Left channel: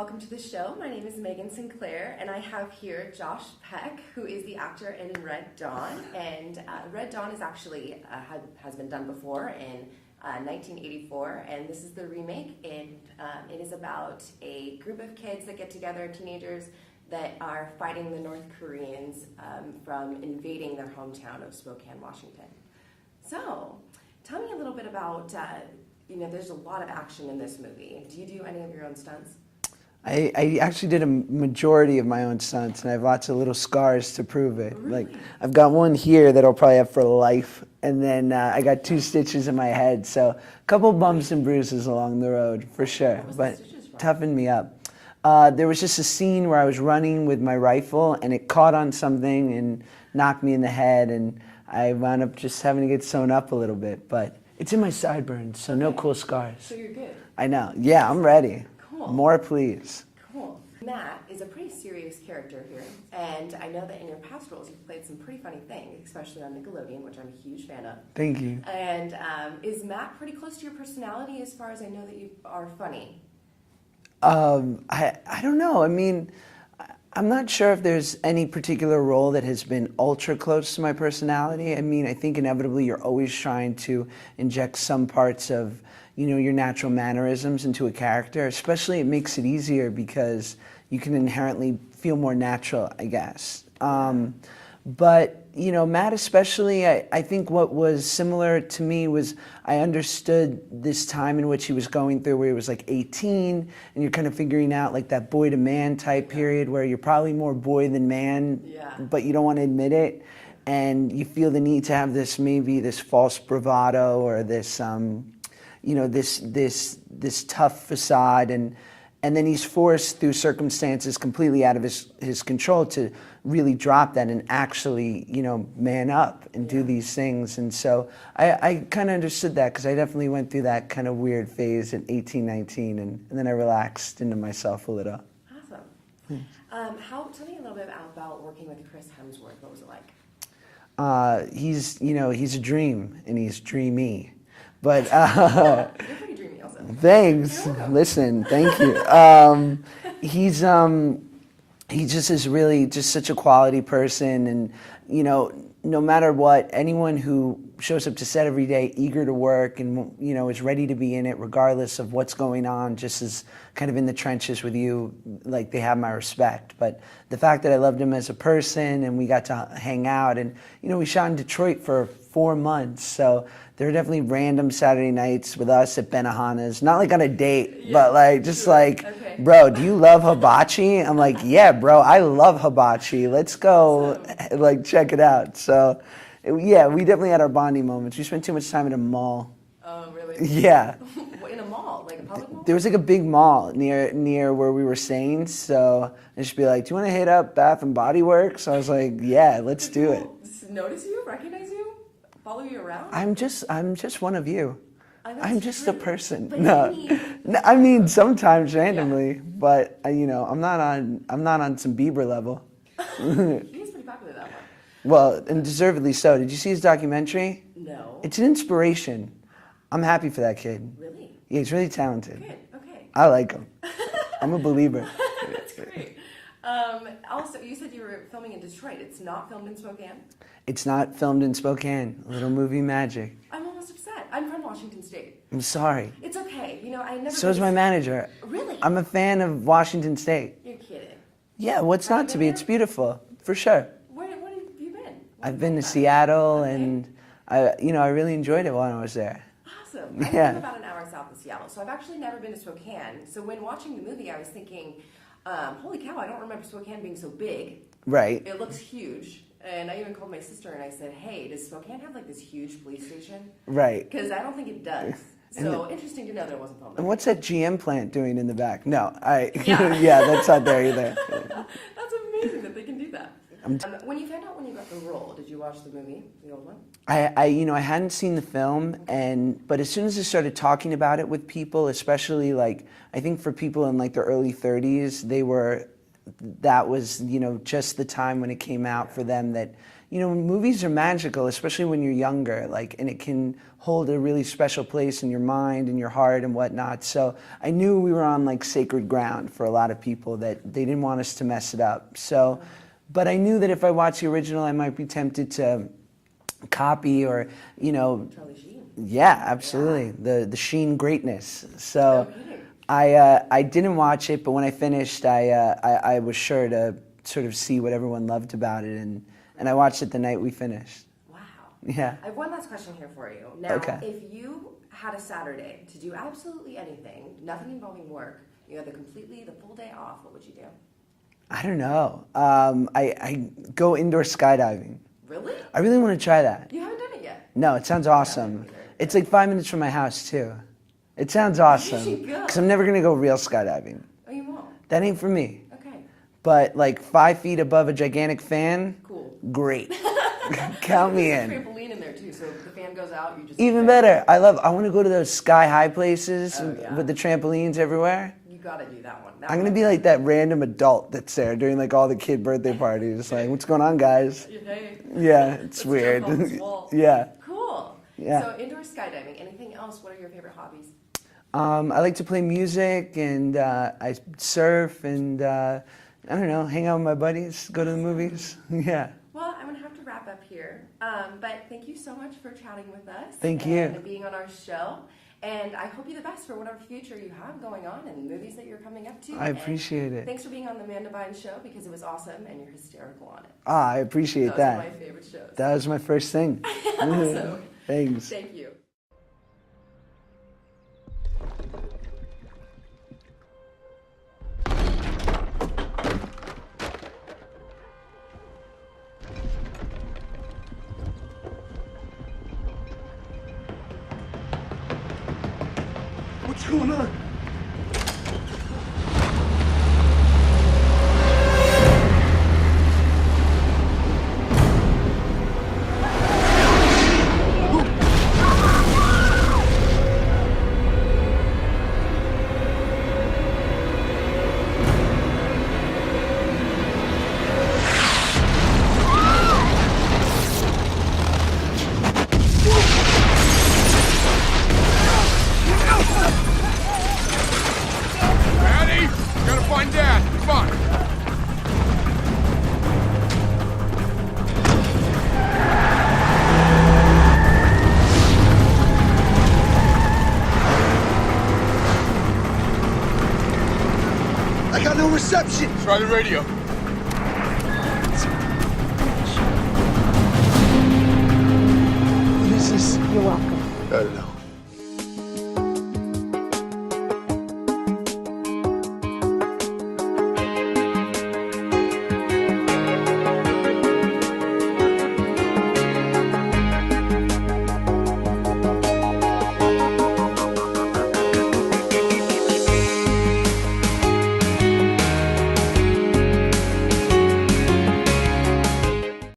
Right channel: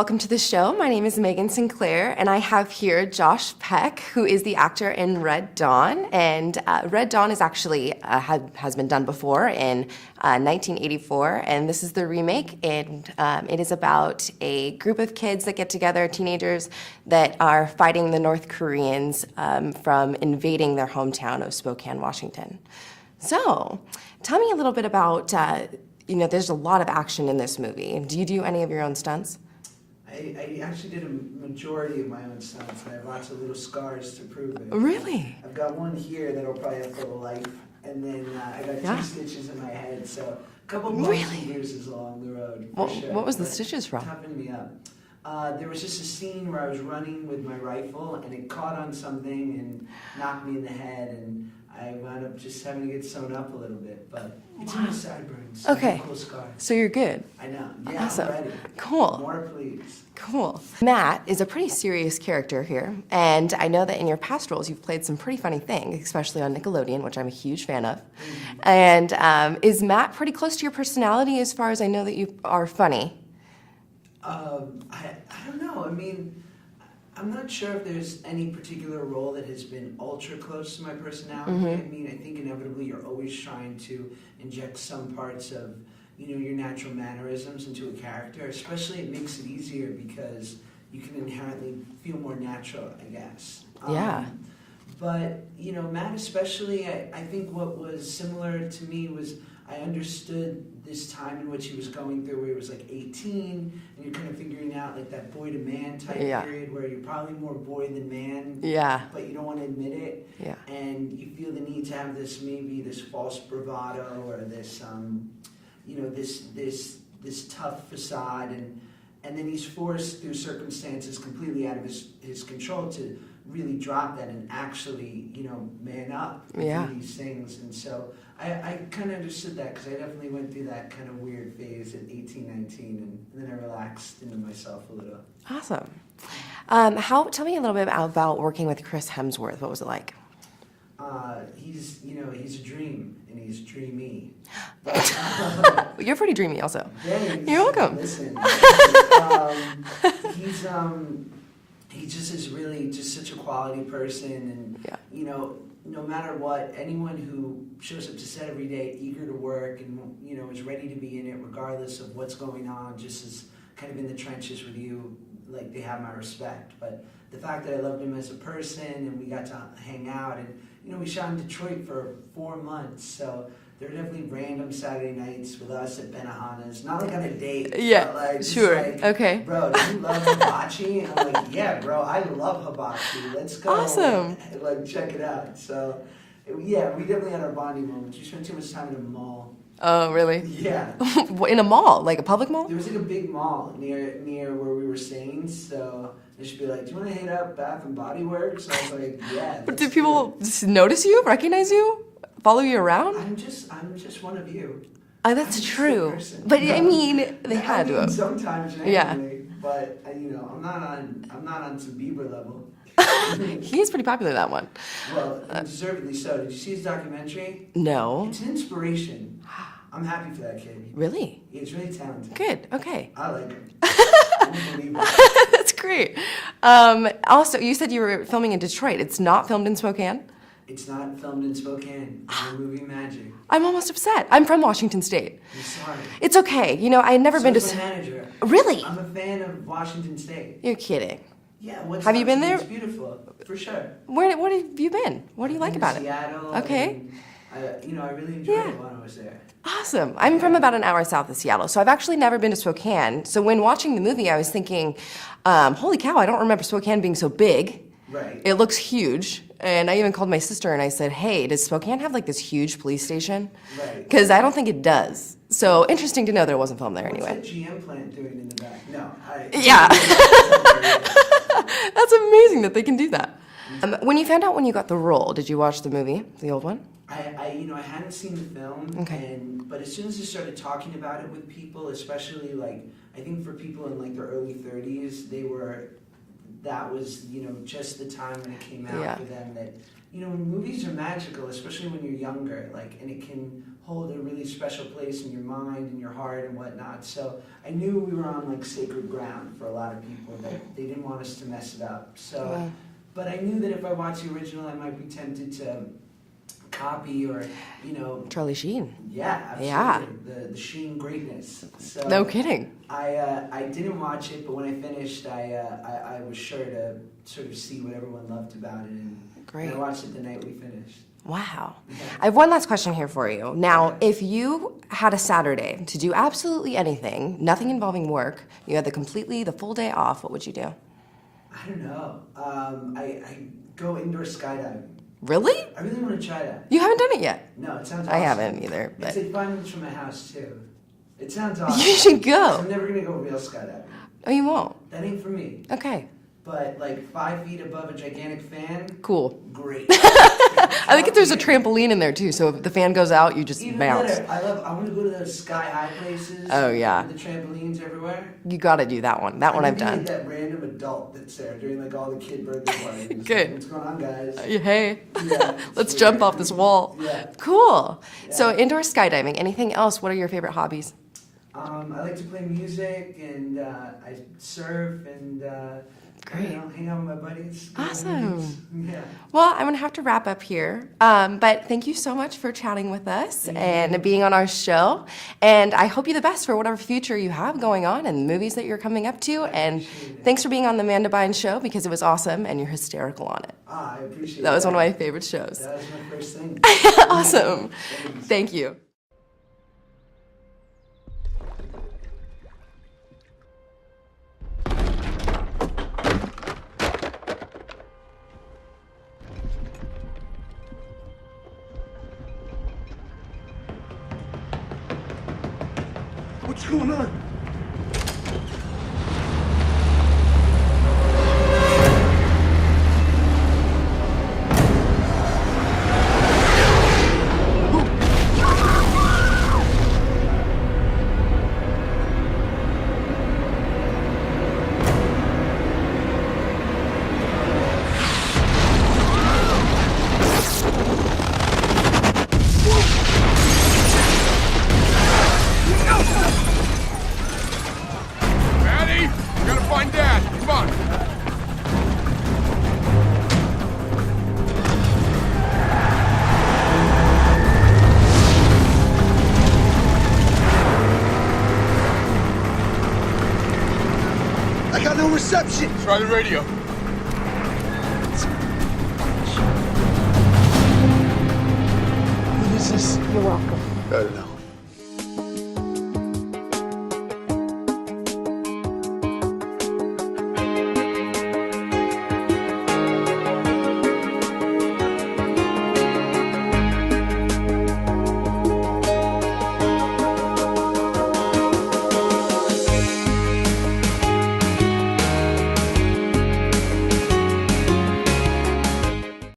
welcome to the show. My name is Megan Sinclair, and I have here Josh Peck, who is the actor in Red Dawn. And Red Dawn is actually has been done before in 1984, and this is the remake. And it is about a group of kids that get together, teenagers that are fighting the North Koreans from invading their hometown of Spokane, Washington. So, tell me a little bit about. There's a lot of action in this movie. Do you do any of your own stunts? I actually did a majority of my own stunts, and I have lots of little scars to prove it. Really? Like, I've got one here that I'll probably have for life, and then I got 2 stitches in my head, so a couple bumps and bruises along the road, for sure. What was the stitches from? Toughened me up. There was just a scene where I was running with my rifle, and it caught on something and knocked me in the head, and I wound up just having to get sewn up a little bit, but it's in my sideburns, so no cool scars. So you're good. I know. Yeah, Awesome. I'm ready. Cool. More, please. Cool. Matt is a pretty serious character here, and I know that in your past roles you've played some pretty funny things, especially on Nickelodeon, which I'm a huge fan of. Thank you. And is Matt pretty close to your personality as far as I know that you are funny? I don't know. I mean, I'm not sure if there's any particular role that has been ultra close to my personality. Mm-hmm. I mean, I think inevitably you're always trying to inject some parts of, your natural mannerisms into a character. Especially it makes it easier because you can inherently feel more natural, I guess. Yeah. But, Matt especially, I think what was similar to me was I understood this time in which he was going through where he was like 18 and you're kind of figuring out like that boy to man type period where you're probably more boy than man, but you don't want to admit it. Yeah. And you feel the need to have this false bravado or this, this tough facade. And then he's forced through circumstances completely out of his control to really drop that and actually, man up and do these things. And so I kind of understood that because I definitely went through that kind of weird phase at 18, 19, and then I relaxed into myself a little. Awesome. Tell me a little bit about working with Chris Hemsworth. What was it like? He's a dream, and he's dreamy. But you're pretty dreamy also. Thanks. You're welcome. Listen, thank you. He just is really just such a quality person, and no matter what, anyone who shows up to set every day eager to work and is ready to be in it regardless of what's going on, just is kind of in the trenches with you, like they have my respect. But the fact that I loved him as a person and we got to hang out, and we shot in Detroit for 4 months, so there are definitely random Saturday nights with us at Benihana's, not like on a date, but like just bro, do you love hibachi? I'm like, yeah, bro, I love hibachi. Let's go, like check it out. So, yeah, we definitely had our bonding moments. We spent too much time in a mall. Oh, really? Yeah. In a mall, like a public mall? There was like a big mall near where we were staying, so they should be like, do you want to hit up Bath and Body Works? So I was like, yeah, let's do it. Did people notice you, recognize you? Follow you around? I'm just one of you. That's I'm true. just a person. But no. I mean, sometimes randomly, but I'm not on some Bieber level. He's pretty popular, that one. Well, and deservedly so. Did you see his documentary? No. It's an inspiration. I'm happy for that kid. Really? Yeah, he's really talented. Good. Okay. I like him. I'm a believer. That's great. Also, you said you were filming in Detroit. It's not filmed in Spokane? It's not filmed in Spokane. Little movie magic. I'm almost upset. I'm from Washington State. I'm sorry. It's okay. I had never been to... So is my manager. Really? I'm a fan of Washington State. You're kidding. Yeah, what's have not you been to be? there? It's beautiful, for sure. What have you been? What do you like about it? I've been to Seattle, okay. and I really enjoyed it while I was there. Awesome. I'm from about an hour south of Seattle, so I've actually never been to Spokane. So when watching the movie, I was thinking, holy cow, I don't remember Spokane being so big. Right. It looks huge. And I even called my sister and I said, hey, does Spokane have like this huge police station? Right. Because I don't think it does. So interesting to know there wasn't filmed there. What's anyway. that GM plant doing in the back? No, yeah, yeah, that's not there either. That's amazing that they can do that. When you found out when you got the role, did you watch the movie, the old one? I hadn't seen the film, but as soon as I started talking about it with people, especially like I think for people in like their early 30s, that was just the time when it came out for them that movies are magical, especially when you're younger, like, and it can hold a really special place in your mind and your heart and whatnot. So I knew we were on like sacred ground for a lot of people, that they didn't want us to mess it up. So, but I knew that if I watched the original, I might be tempted to copy or, Charlie Sheen. Yeah, absolutely. The Sheen greatness. So No kidding. I didn't watch it, but when I finished, I was sure to sort of see what everyone loved about it, and I watched it the night we finished. Wow. Yeah. I have one last question here for you. Now, Okay. if you had a Saturday to do absolutely anything, nothing involving work, you had the full day off, what would you do? I don't know. I go indoor skydiving. Really? I really want to try that. You haven't done it yet. No, it sounds I awesome. haven't either, It's but- like 5 minutes from my house too. It sounds awesome. You should go. 'Cause I'm never gonna go real skydiving. Oh, you won't? That ain't for me. Okay. But like 5 feet above a gigantic fan, Cool. great. I think Count there's me a in. trampoline in there too, so if the fan goes out, you just Even bounce. better. I want to go to those sky high places. Oh, yeah. With the trampolines everywhere. You gotta do that one. That I'm one gonna I've be done. like that random adult that's there during like all the kid birthday parties. Like, Good. what's going on, guys? Hey. Yeah, it's Let's weird. jump off this wall. Yeah. Cool. Yeah. So indoor skydiving. Anything else? What are your favorite hobbies? I like to play music, and I surf, and I don't know, hang out with my buddies, go to the movies. Yeah. Well, I'm gonna have to wrap up here. But thank you so much for chatting with us Thank you. and being on our show. And I hope you the best for whatever future you have going on and the movies that you're coming up to. I and appreciate it. thanks for being on the Amanda Bynes show because it was awesome and you're hysterical on it. I appreciate that. That was one of my favorite shows. That was my first thing. Awesome. Thanks. Thank you. What's going on? Maddie, we gotta find Dad. Come on. I got no reception. Try the radio. What is this? You're welcome. I don't know.